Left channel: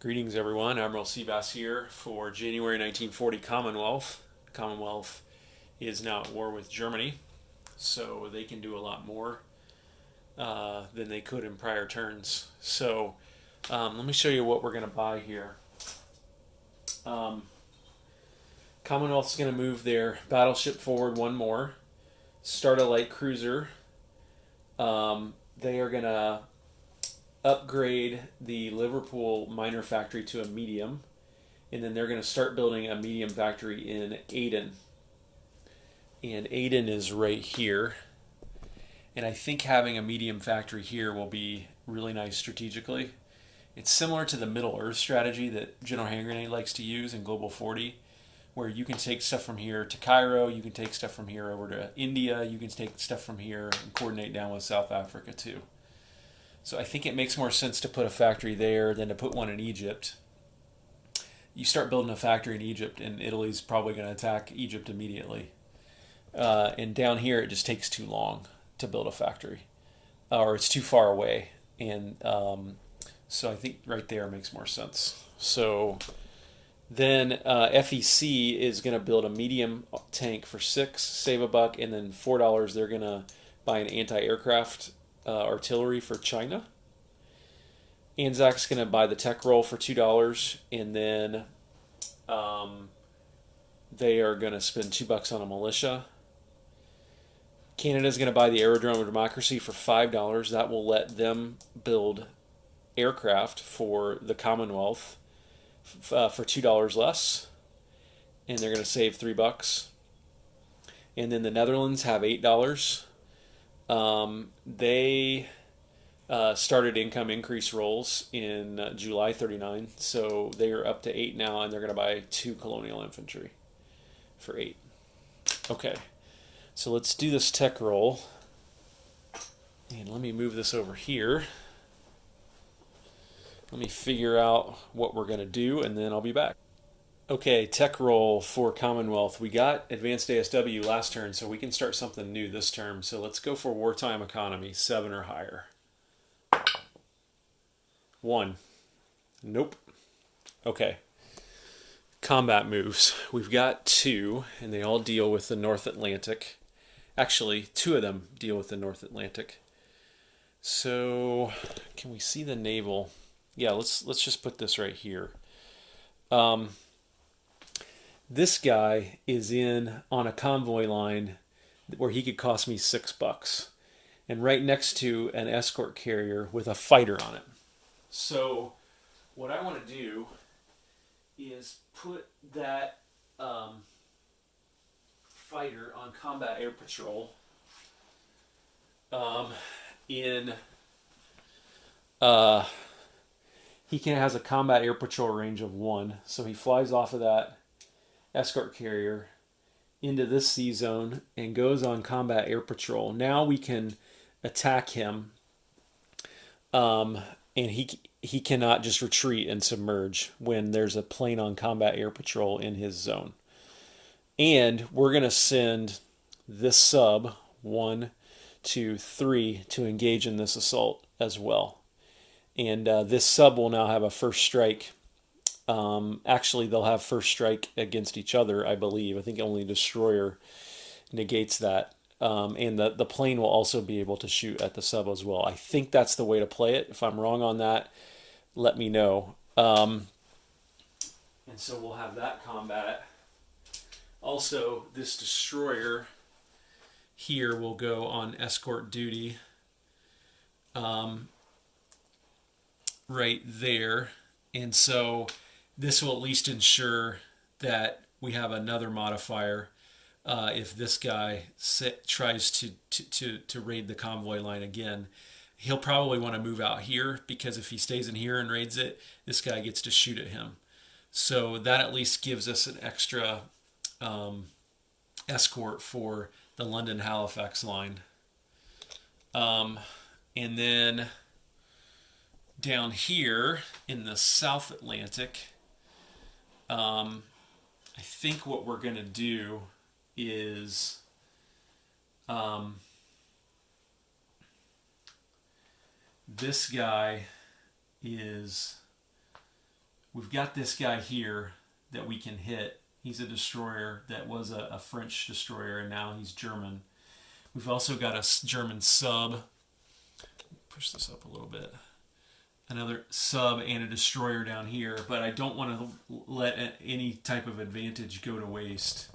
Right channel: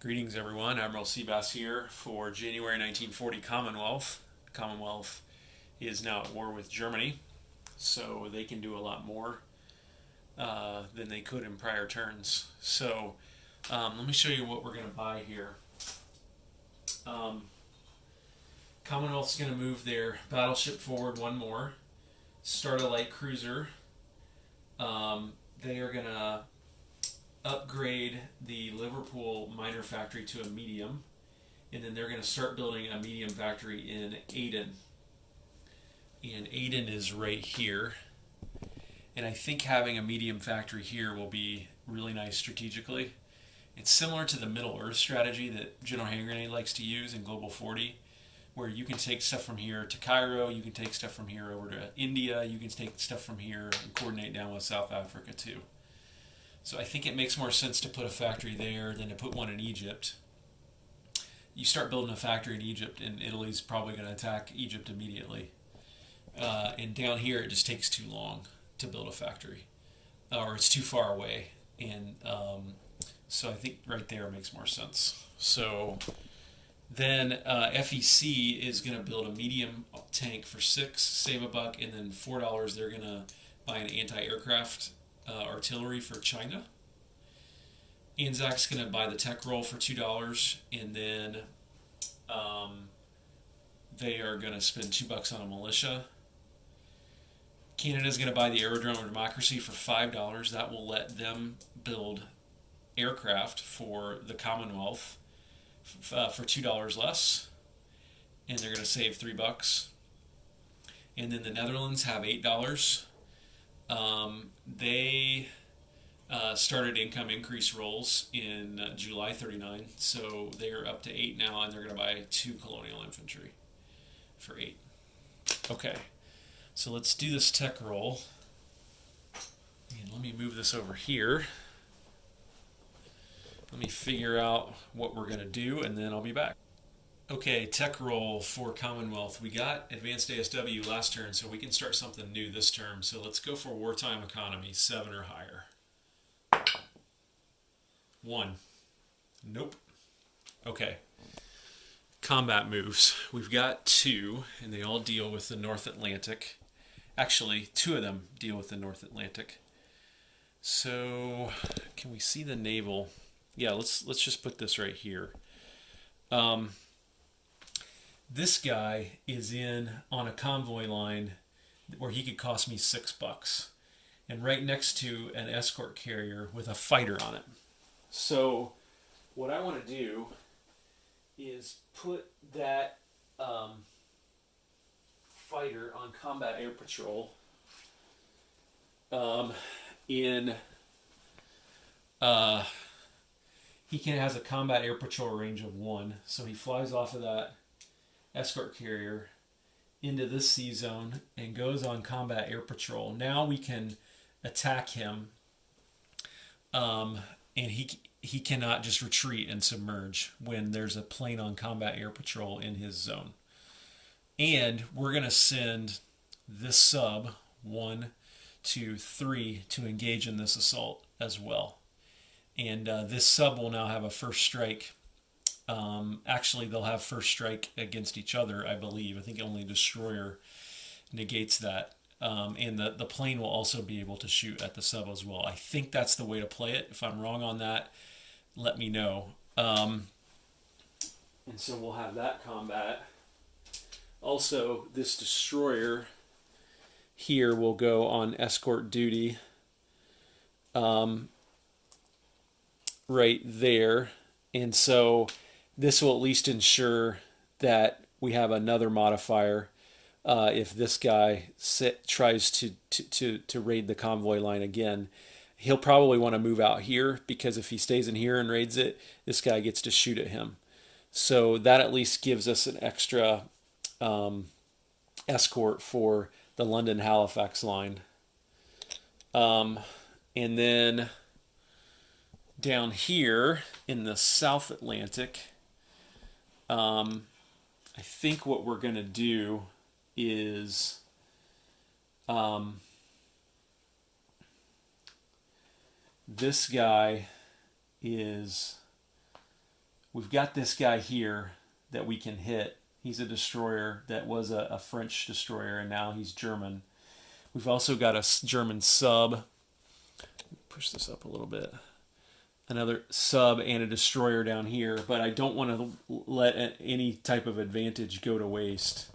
Greetings, everyone. Admiral Seabass here for January 1940 Commonwealth. Commonwealth is now at war with Germany, so they can do a lot more than they could in prior turns. So let me show you what we're going to buy here. Commonwealth's going to move their battleship forward one more, start a light cruiser. They are going to upgrade the Liverpool minor factory to a medium, and then they're going to start building a medium factory in Aden. And Aden is right here. And I think having a medium factory here will be really nice strategically. It's similar to the Middle Earth strategy that General Hand Grenade likes to use in Global 40, where you can take stuff from here to Cairo, you can take stuff from here over to India, you can take stuff from here and coordinate down with South Africa too. So I think it makes more sense to put a factory there than to put one in Egypt. You start building a factory in Egypt, and Italy's probably going to attack Egypt immediately. And down here, it just takes too long to build a factory, or it's too far away. And so I think right there makes more sense. So then FEC is going to build a medium tank for $6, save a buck, and then $4 they're going to buy an anti-aircraft artillery for China. Anzac's going to buy the tech roll for $2, and then they are going to spend $2 on a militia. Canada's going to buy the Aerodrome of Democracy for $5. That will let them build aircraft for the Commonwealth for $2 less, and they're going to save $3. And then the Netherlands have $8. They started income increase rolls in July 39, so they are up to 8 now, and they're going to buy 2 colonial infantry for 8. Okay, so let's do this tech roll, and let me move this over here. Let me figure out what we're going to do, and then I'll be back. Okay, tech roll for Commonwealth. We got advanced ASW last turn, so we can start something new this term. So let's go for wartime economy, 7 or higher. 1. Nope. Okay. Combat moves. We've got 2, and they all deal with the North Atlantic. Actually, 2 of them deal with the North Atlantic. So, can we see the naval? Yeah, let's just put this right here. This guy is on a convoy line where he could cost me $6, and right next to an escort carrier with a fighter on it. So what I want to do is put that fighter on combat air patrol he has a combat air patrol range of 1, so he flies off of that escort carrier into this sea zone and goes on combat air patrol. Now we can attack him, and he cannot just retreat and submerge when there's a plane on combat air patrol in his zone. And we're going to send this sub 1, 2, 3 to engage in this assault as well. And this sub will now have a first strike. Actually, they'll have first strike against each other, I believe. I think only destroyer negates that. And the plane will also be able to shoot at the sub as well. I think that's the way to play it. If I'm wrong on that, let me know. And so we'll have that combat. Also, this destroyer here will go on escort duty right there. And so this will at least ensure that we have another modifier if this guy tries to raid the convoy line again. He'll probably want to move out here, because if he stays in here and raids it, this guy gets to shoot at him. So that at least gives us an extra escort for the London-Halifax line. And then down here in the South Atlantic, I think what we're going to do is this guy is we've got this guy here that we can hit. He's a destroyer that was a French destroyer, and now he's German. We've also got a German sub. Push this up a little bit. Another sub and a destroyer down here, but I don't want to let any type of advantage go to waste.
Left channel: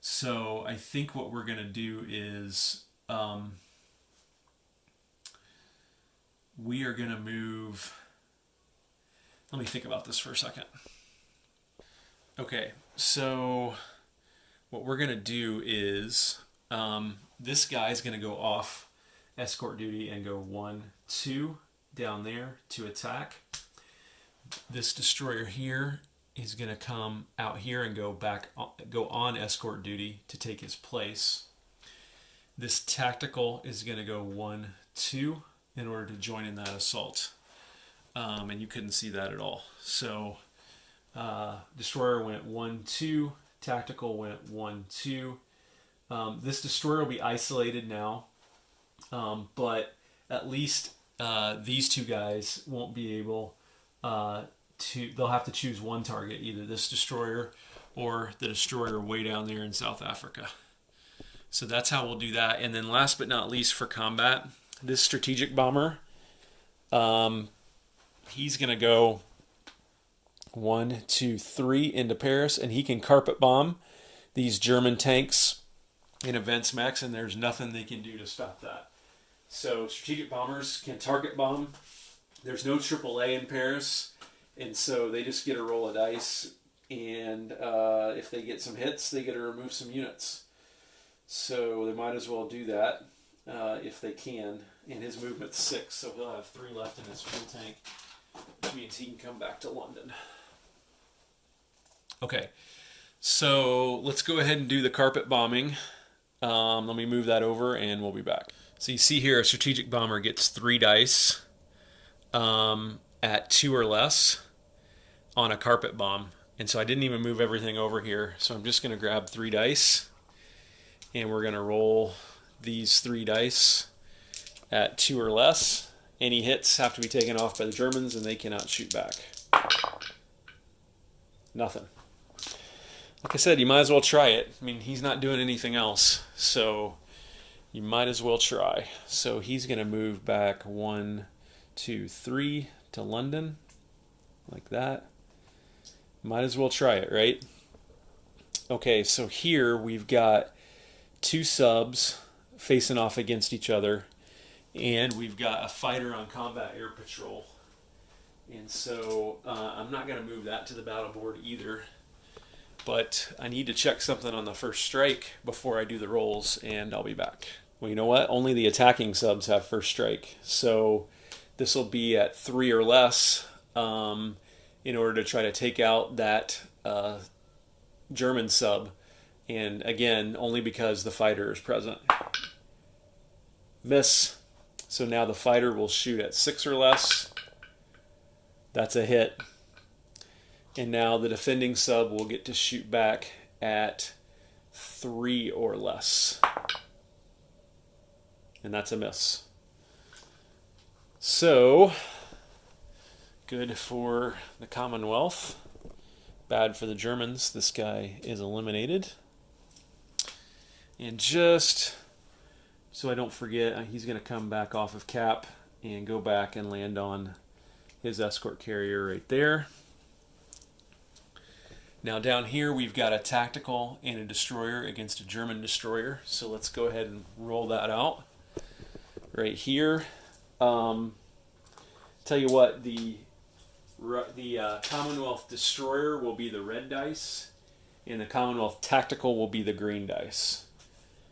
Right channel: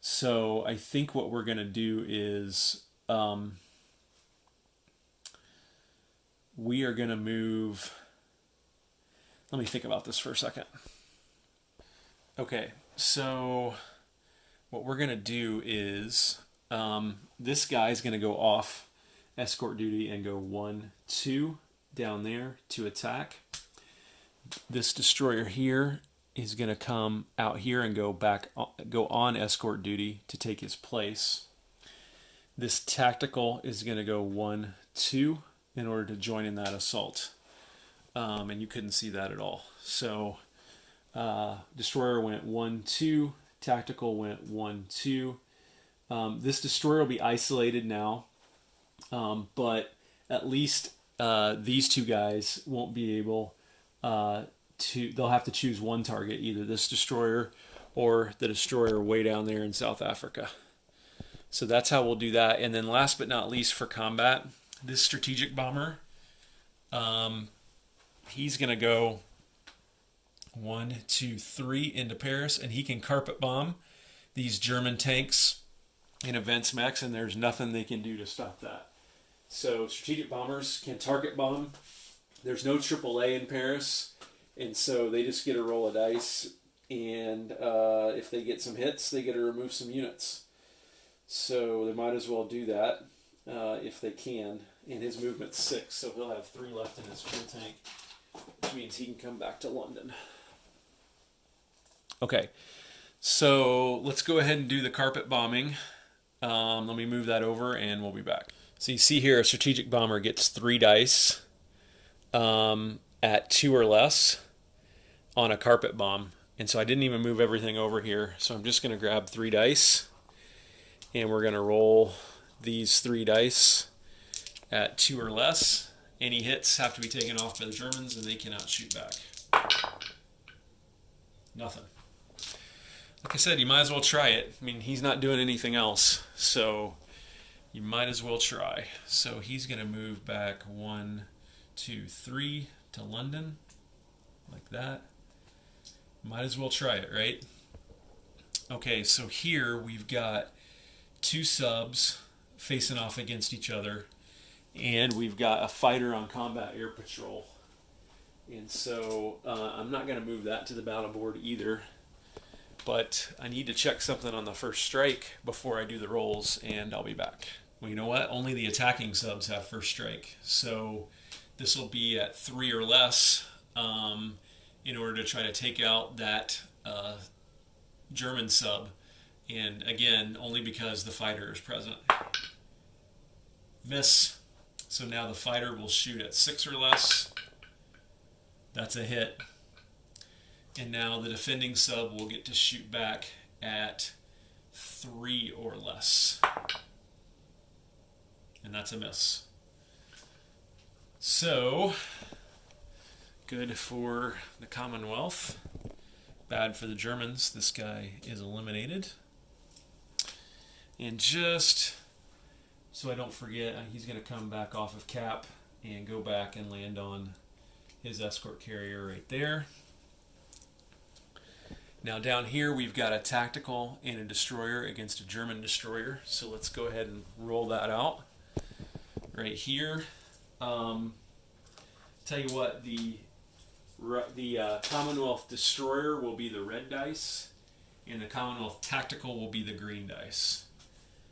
So I think what we're going to do is we are going to move. Let me think about this for a second. Okay, so what we're going to do is this guy's going to go off escort duty and go 1, 2 down there to attack. This destroyer here is going to come out here and go on escort duty to take his place. This tactical is going to go 1, 2 in order to join in that assault. And you couldn't see that at all. So destroyer went 1, 2. Tactical went 1, 2. This destroyer will be isolated now, but at least these two guys won't be able to. They'll have to choose one target, either this destroyer or the destroyer way down there in South Africa. So that's how we'll do that. And then last but not least for combat, this strategic bomber, he's going to go 1, 2, 3 into Paris, and he can carpet bomb these German tanks in events mechs, and there's nothing they can do to stop that. So strategic bombers can target bomb. There's no AAA in Paris, and so they just get a roll of dice, and if they get some hits, they get to remove some units. So they might as well do that if they can. And his movement's 6, so he'll have 3 left in his fuel tank, which means he can come back to London. Okay, so let's go ahead and do the carpet bombing. Let me move that over and we'll be back. So you see here a strategic bomber gets 3 dice at 2 or less on a carpet bomb. And so I didn't even move everything over here. So I'm just going to grab 3 dice and we're going to roll these 3 dice at 2 or less. Any hits have to be taken off by the Germans and they cannot shoot back. Nothing. Like I said, you might as well try it. I mean, he's not doing anything else, so you might as well try. So he's going to move back 1, 2, 3 to London, like that. Might as well try it, right? Okay, so here we've got 2 subs facing off against each other, and we've got a fighter on combat air patrol. And so I'm not going to move that to the battle board either. But I need to check something on the first strike before I do the rolls, and I'll be back. Well, you know what? Only the attacking subs have first strike. So this will be at 3 or less in order to try to take out that German sub. And again, only because the fighter is present. Miss. So now the fighter will shoot at 6 or less. That's a hit. And now the defending sub will get to shoot back at 3 or less. And that's a miss. So, good for the Commonwealth. Bad for the Germans. This guy is eliminated. And just so I don't forget, he's going to come back off of cap and go back and land on his escort carrier right there. Now down here we've got a tactical and a destroyer against a German destroyer. So let's go ahead and roll that out right here. Tell you what, the Commonwealth destroyer will be the red dice, and the Commonwealth tactical will be the green dice.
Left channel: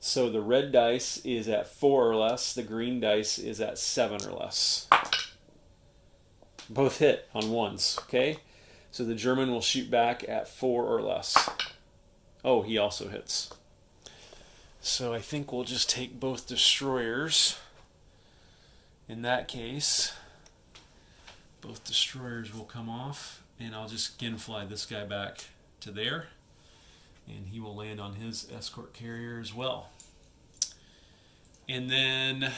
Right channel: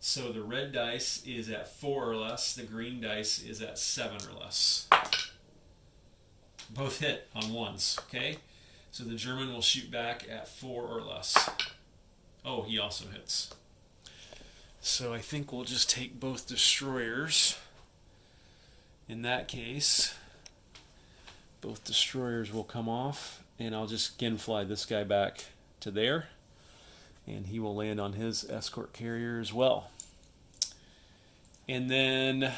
So the red dice is at 4 or less. The green dice is at 7 or less. Both hit on 1s. Okay. So the German will shoot back at 4 or less. Oh, he also hits. So I think we'll just take both destroyers. In that case, both destroyers will come off, and I'll just again fly this guy back to there, and he will land on his escort carrier as well. And then,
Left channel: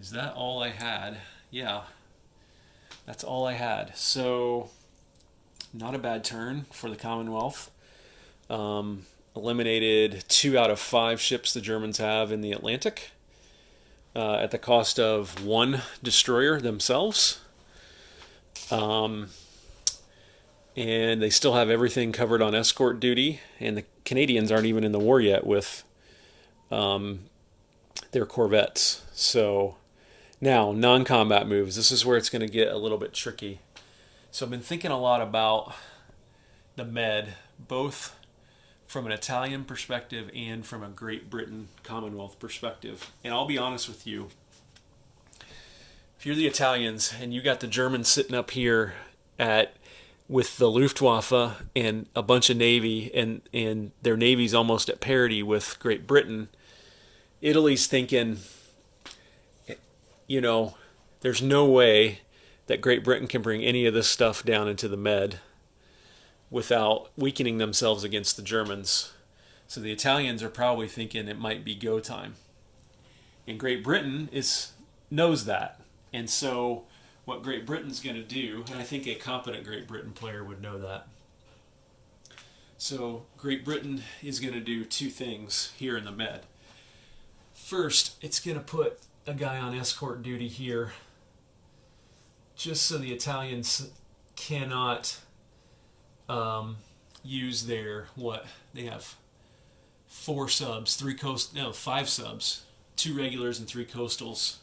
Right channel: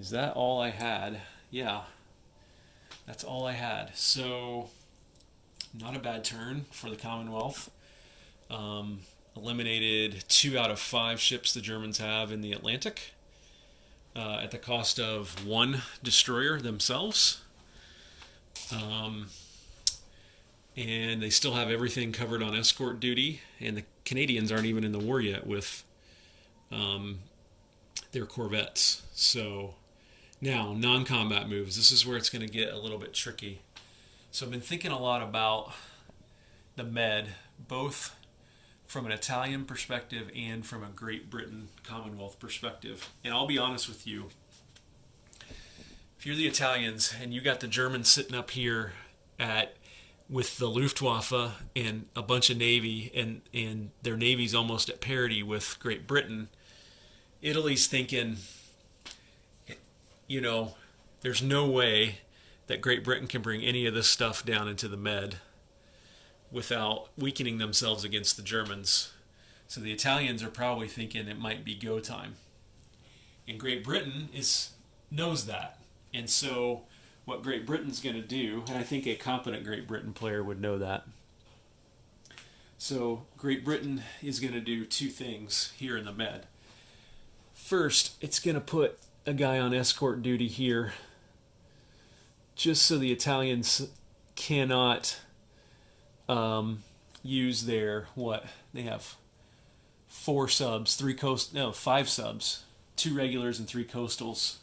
is that all I had? Yeah, that's all I had. So Not a bad turn for the Commonwealth. Eliminated 2 out of 5 ships the Germans have in the Atlantic at the cost of 1 destroyer themselves. And they still have everything covered on escort duty, and the Canadians aren't even in the war yet with their corvettes. So now, non-combat moves. This is where it's going to get a little bit tricky. So I've been thinking a lot about the Med, both from an Italian perspective and from a Great Britain Commonwealth perspective. And I'll be honest with you, if you're the Italians and you got the Germans sitting up here with the Luftwaffe and a bunch of Navy, and their Navy's almost at parity with Great Britain, Italy's thinking, there's no way that Great Britain can bring any of this stuff down into the Med without weakening themselves against the Germans. So the Italians are probably thinking it might be go time. And Great Britain knows that. And so what Great Britain's going to do, and I think a competent Great Britain player would know that. So Great Britain is going to do 2 things here in the Med. First, it's going to put a guy on escort duty here just so the Italians cannot use their, they have 5 subs, 2 regulars and 3 coastals,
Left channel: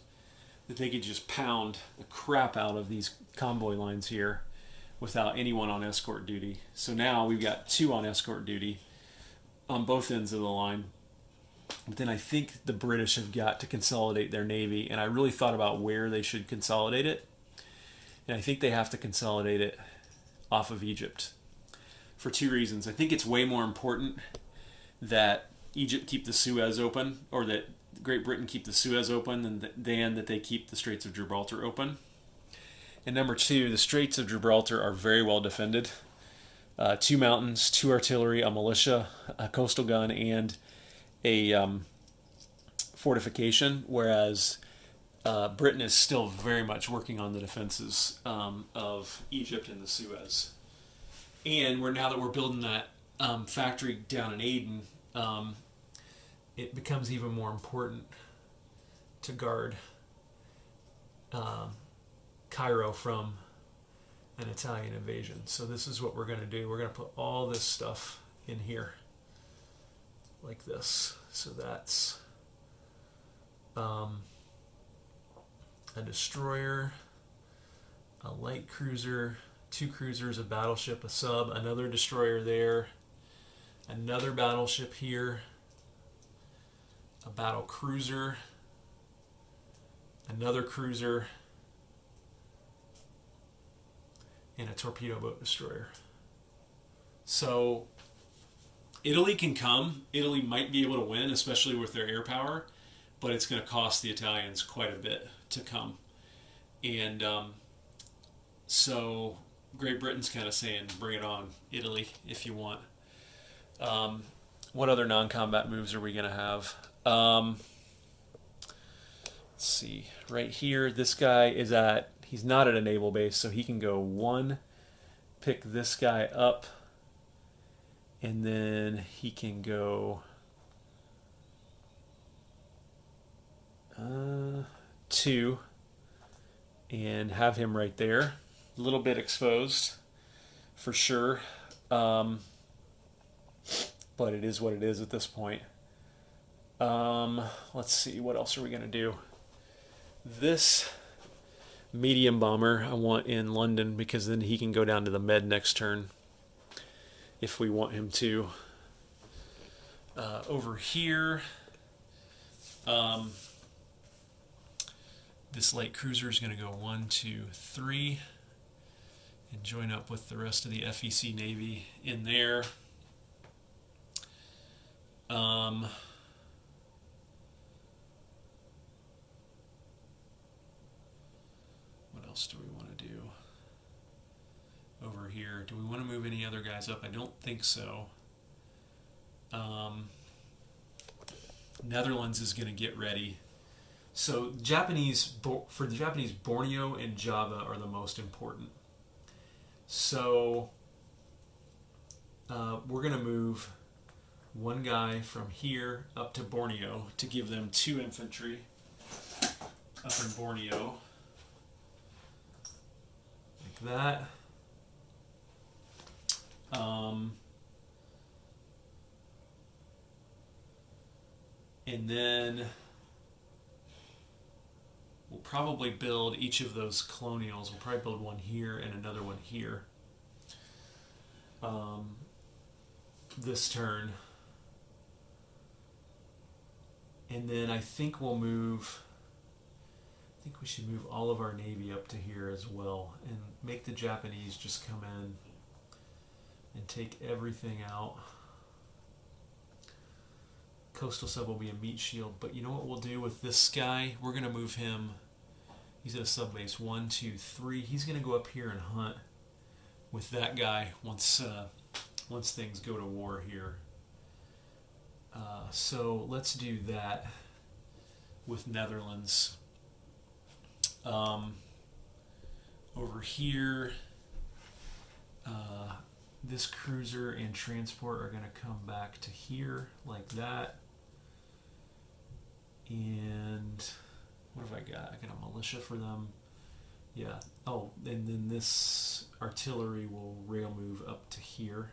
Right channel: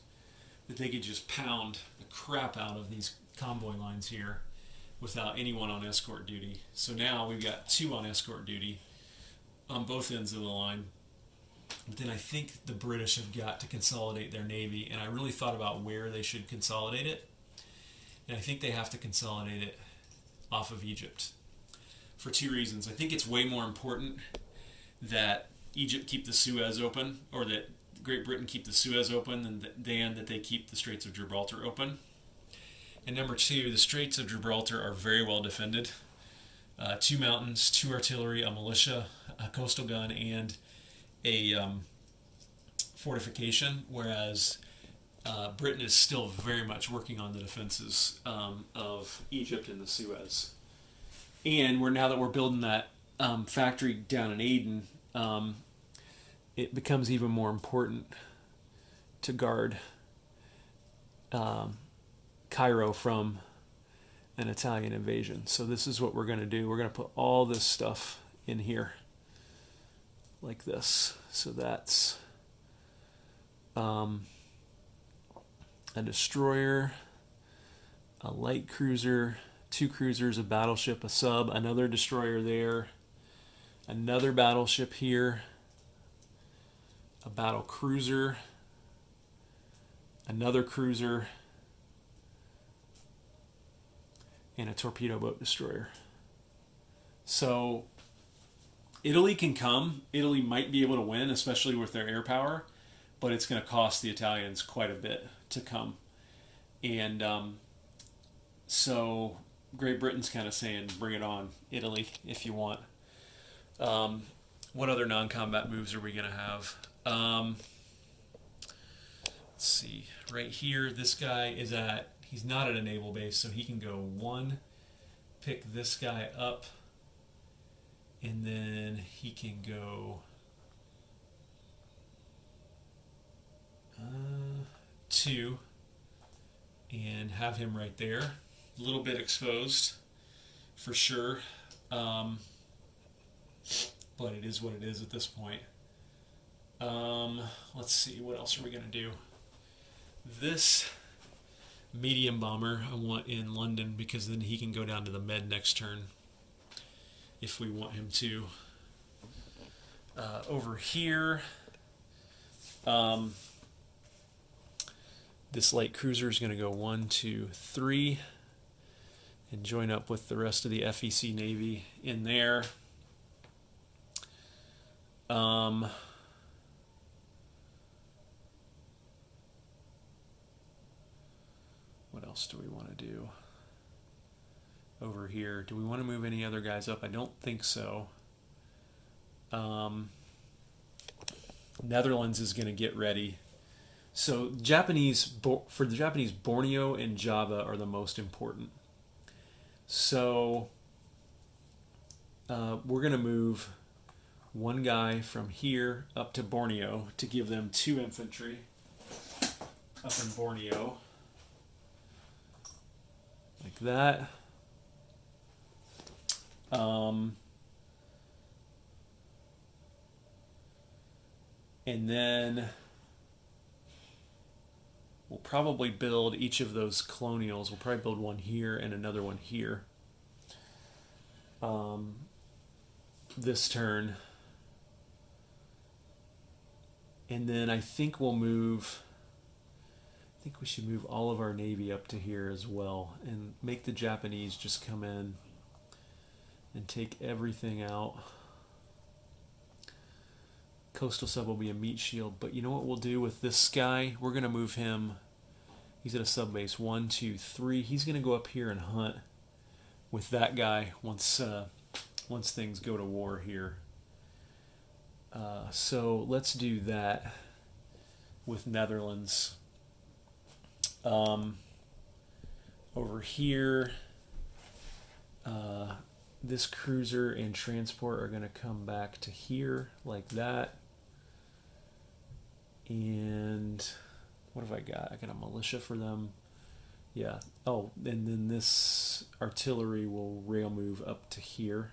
that they could just pound the crap out of these convoy lines here without anyone on escort duty. So now we've got 2 on escort duty on both ends of the line. But then I think the British have got to consolidate their Navy, and I really thought about where they should consolidate it. And I think they have to consolidate it off of Egypt for 2 reasons. I think it's way more important that Egypt keep the Suez open, or that Great Britain keep the Suez open, than that they keep the Straits of Gibraltar open. And number 2, the Straits of Gibraltar are very well defended. 2 mountains, 2 artillery, a militia, a coastal gun, and a fortification, whereas Britain is still very much working on the defenses of Egypt and the Suez. And now that we're building that factory down in Aden, it becomes even more important to guard Cairo from an Italian invasion. So this is what we're going to do. We're going to put all this stuff in here like this. So that's a destroyer, a light cruiser, 2 cruisers, a battleship, a sub, another destroyer there, another battleship here, a battle cruiser, another cruiser, and a torpedo boat destroyer. So Italy can come. Italy might be able to win, especially with their air power, but it's going to cost the Italians quite a bit to come. And so Great Britain's kind of saying, bring it on, Italy, if you want. What other non-combat moves are we going to have? Let's see. Right here, this guy he's not at a naval base, so he can go 1, pick this guy up, and then he can go 2 and have him right there. A little bit exposed for sure, but it is what it is at this point. Let's see, what else are we going to do? This medium bomber I want in London, because then he can go down to the Med next turn if we want him to. Over here, this light cruiser is going to go 1, 2, 3 and join up with the rest of the FEC Navy in there. What else do we want to do over here? Do we want to move any other guys up? I don't think so. Netherlands is going to get ready. So for the Japanese, Borneo and Java are the most important. So we're going to move one guy from here up to Borneo to give them 2 infantry up in Borneo. Like that. And then we'll probably build each of those colonials. We'll probably build one here and another one here. This turn. And then I think we should move all of our Navy up to here as well and make the Japanese just come in and take everything out. Coastal sub will be a meat shield, but you know what we'll do with this guy? We're going to move him. He's at a sub base 1, 2, 3. He's going to go up here and hunt with that guy once things go to war here. So let's do that with Netherlands. Over here, this cruiser and transport are going to come back to here like that. And what have I got? I got a militia for them. Yeah. Oh, and then this artillery will rail move up to here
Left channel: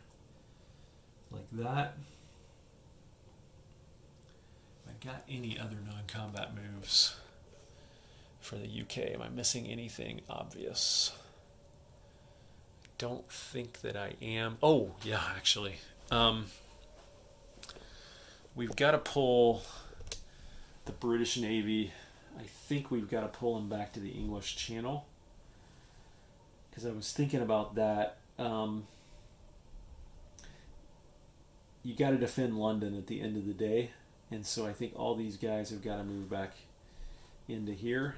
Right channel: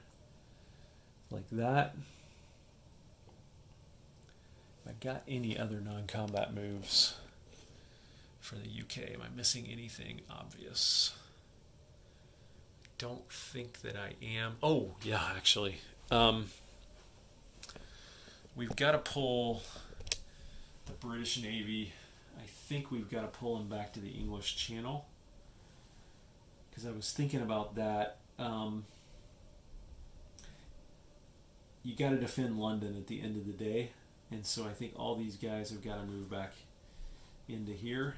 like that. Have I got any other non-combat moves for the UK? Am I missing anything obvious? Don't think that I am. Oh, yeah, actually. We've got to pull the British Navy. I think we've got to pull them back to the English Channel. Because I was thinking about that. You got to defend London at the end of the day. And so I think all these guys have got to move back into here.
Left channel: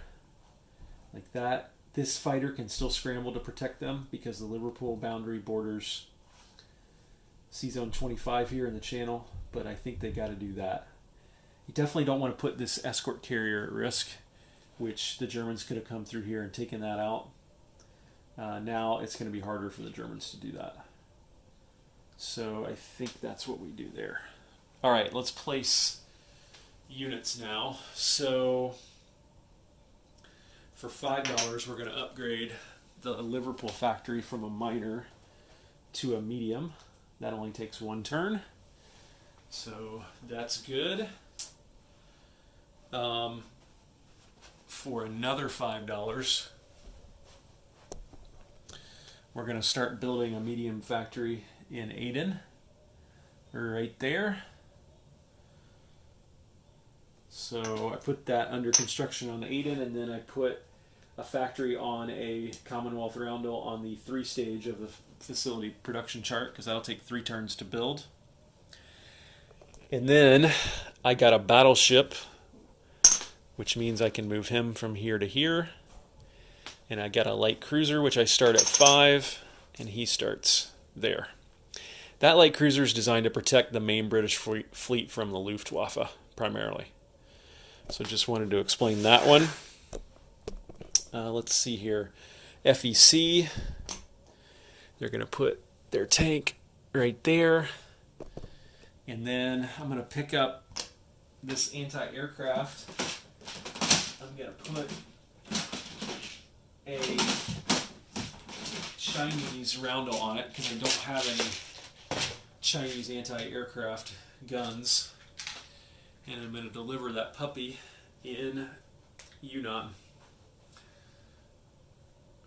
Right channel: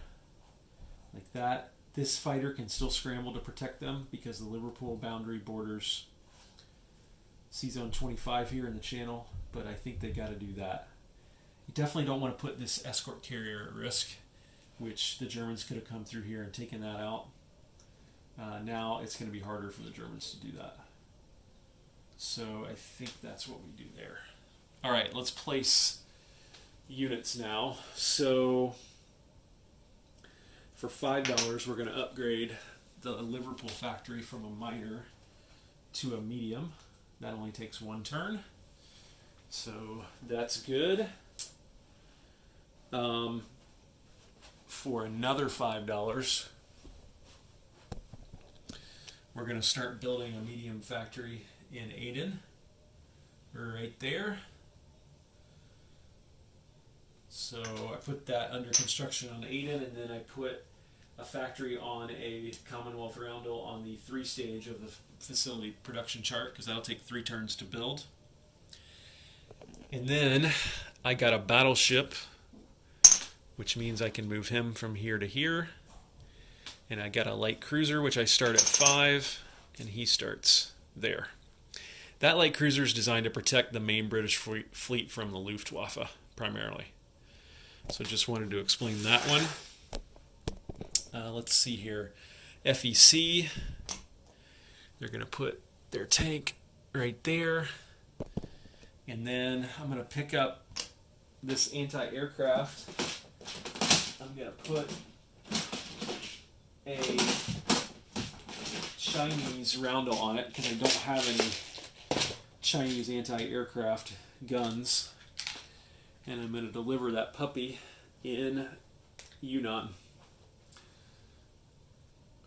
Like that. This fighter can still scramble to protect them because the Liverpool boundary borders Sea Zone 25 here in the channel, but I think they got to do that. You definitely don't want to put this escort carrier at risk, which the Germans could have come through here and taken that out. Now it's going to be harder for the Germans to do that. So I think that's what we do there. All right, let's place units now. So for $5, we're going to upgrade the Liverpool factory from a minor to a medium. That only takes 1 turn. So that's good. For another $5, we're going to start building a medium factory in Aden. Right there. So I put that under construction on Aden, and then I put a factory on a Commonwealth roundel on the 3-stage of the facility production chart, because that'll take 3 turns to build. And then I got a battleship, which means I can move him from here to here. And I got a light cruiser, which I start at 5, and he starts there. That light cruiser is designed to protect the main British fleet from the Luftwaffe, primarily. So just wanted to explain that one. Let's see here. FEC, they're going to put their tank right there. And then I'm going to pick up this anti-aircraft. I'm going to put a Chinese roundel on it because I don't have any Chinese anti-aircraft guns. And I'm going to deliver that puppy in Yunnan.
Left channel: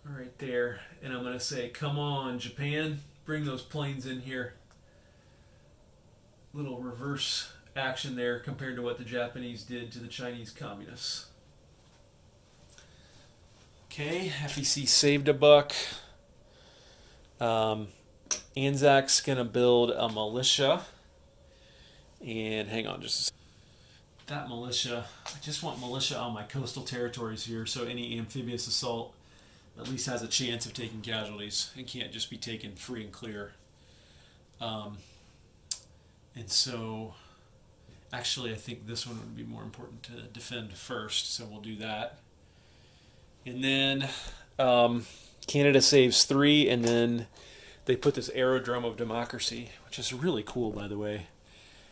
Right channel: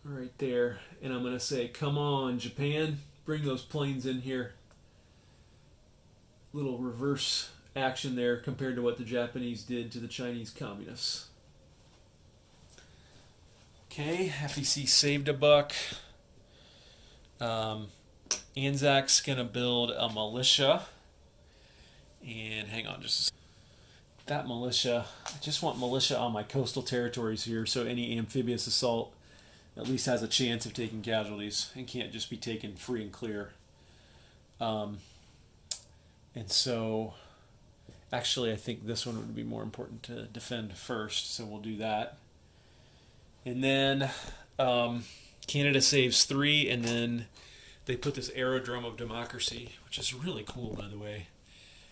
Right there. And I'm going to say, come on, Japan, bring those planes in here. Little reverse action there compared to what the Japanese did to the Chinese communists. Okay, FEC saved a buck. Anzac's going to build a militia. And hang on just a second. That militia, I just want militia on my coastal territories here, so any amphibious assault at least has a chance of taking casualties and can't just be taken free and clear. And so, actually, I think this one would be more important to defend first, so we'll do that. And then Canada saves 3, and then they put this aerodrome of democracy, which is really cool, by the way,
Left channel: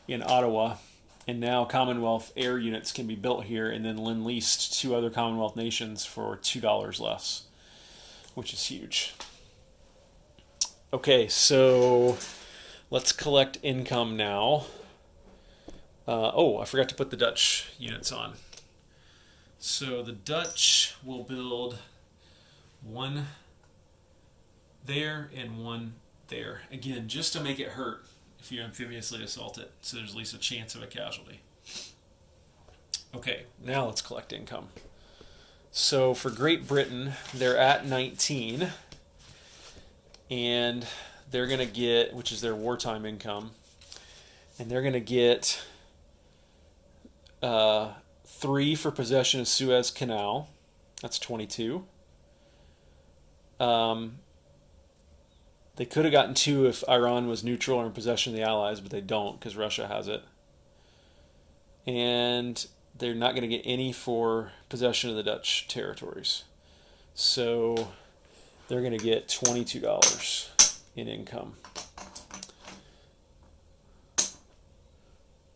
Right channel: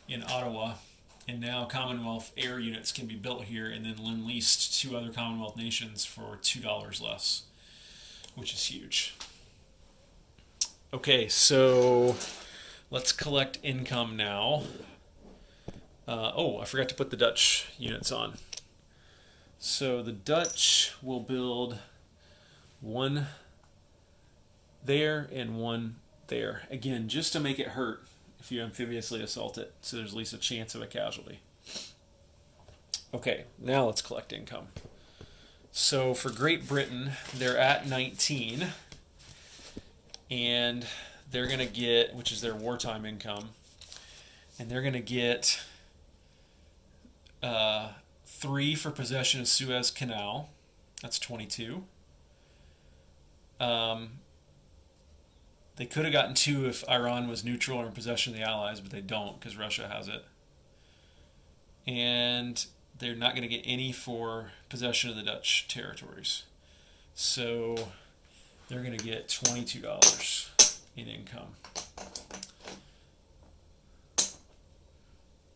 in Ottawa. And now Commonwealth air units can be built here and then lend-leased to other Commonwealth nations for $2 less, which is huge. Okay, so let's collect income now. I forgot to put the Dutch units on. So the Dutch will build one there and one there. Again, just to make it hurt if you amphibiously assault it, so there's at least a chance of a casualty. Okay, now let's collect income. So for Great Britain, they're at 19, and they're going to get, which is their wartime income, and they're going to get 3 for possession of Suez Canal. That's 22. They could have gotten 2 if Iran was neutral or in possession of the Allies, but they don't because Russia has it. And they're not going to get any for possession of the Dutch territories. So they're going to get $22 in income.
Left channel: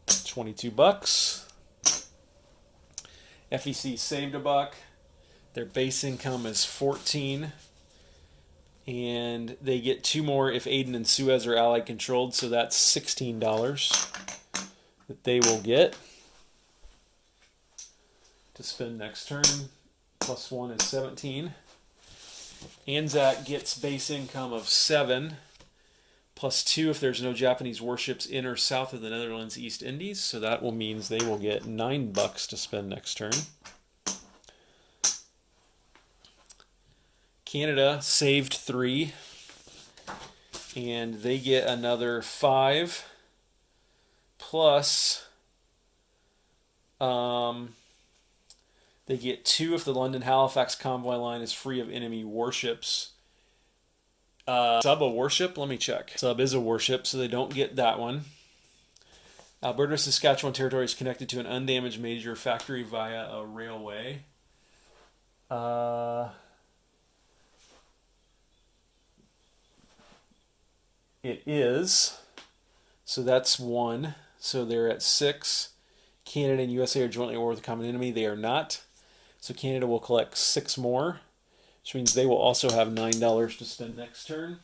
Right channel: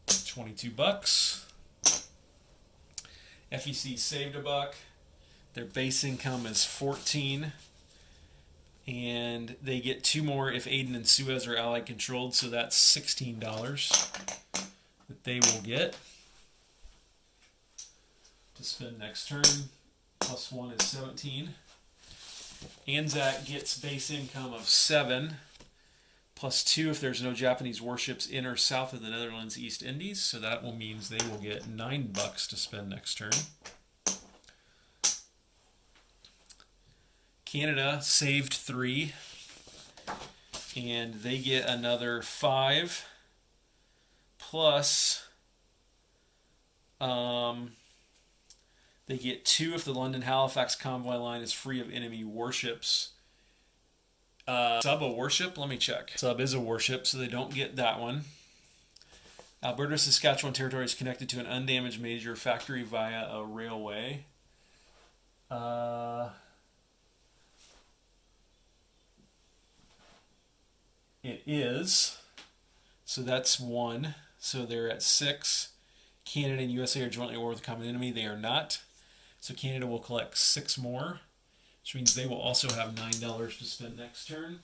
$22. FEC saved $1. Their base income is 14. And they get 2 more if Aden and Suez are Allied controlled, so that's $16 that they will get to spend next turn. Plus 1 is 17. Anzac gets base income of 7, plus 2 if there's no Japanese warships in or south of the Netherlands East Indies, so that will means they will get $9 to spend next turn. Canada saved 3, and they get another 5, plus they get 2 if the London-Halifax convoy line is free of enemy warships. Sub a warship? Let me check. Sub is a warship, so they don't get that one. Alberta, Saskatchewan territory is connected to an undamaged major factory via a railway. It is. So that's 1. So they're at 6. Canada and USA are jointly at war with a common enemy. They are not. So Canada will collect 6 more, which means they will also have $9 to spend next turn,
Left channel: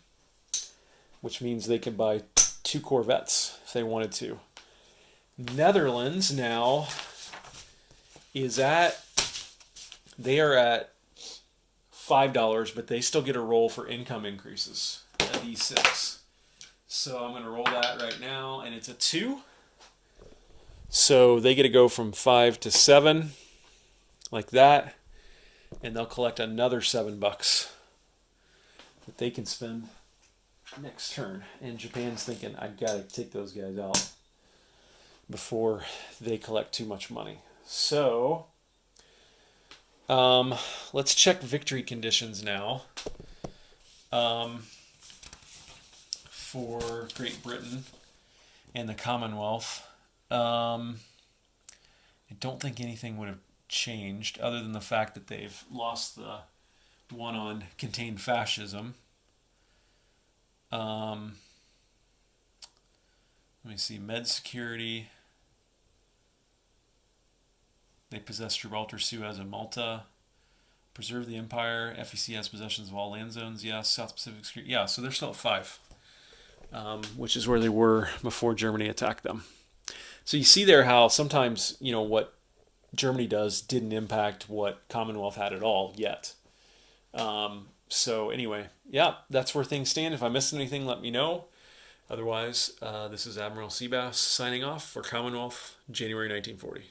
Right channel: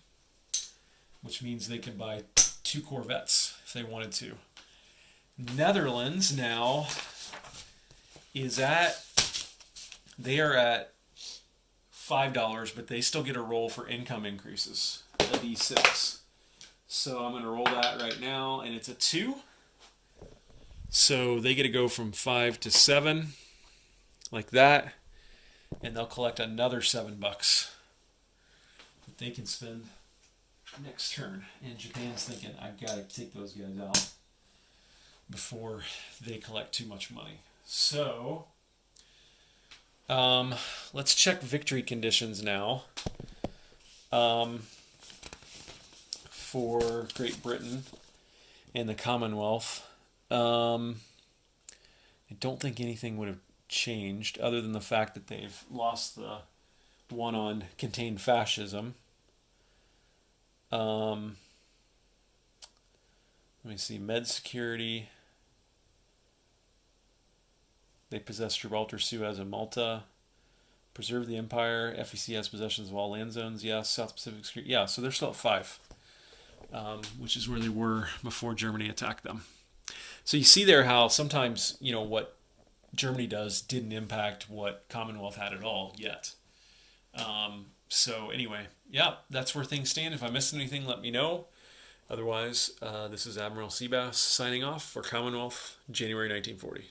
which means they could buy 2 corvettes if they wanted to. Netherlands now is they are at $5, but they still get a roll for income increases at E6. So I'm going to roll that right now, and it's a 2. So they get to go from 5 to 7, like that, and they'll collect another $7 that they can spend next turn. And Japan's thinking, I got to take those guys out before they collect too much money. So let's check victory conditions now. For Great Britain and the Commonwealth. I don't think anything would have changed other than the fact that they've lost the one on contained fascism. Let me see, med security. They possess Gibraltar, Suez, and Malta. Preserve the empire. FEC has possessions of all land zones. Yes. South Pacific security. Yeah, so they're still at 5. Which is where they were before Germany attacked them. So you see there how sometimes, what Germany does didn't impact what Commonwealth had at all yet. So anyway, yeah, that's where things stand. If I missed anything, let me know. Otherwise, this is Admiral Seabass signing off for Commonwealth, January 1940.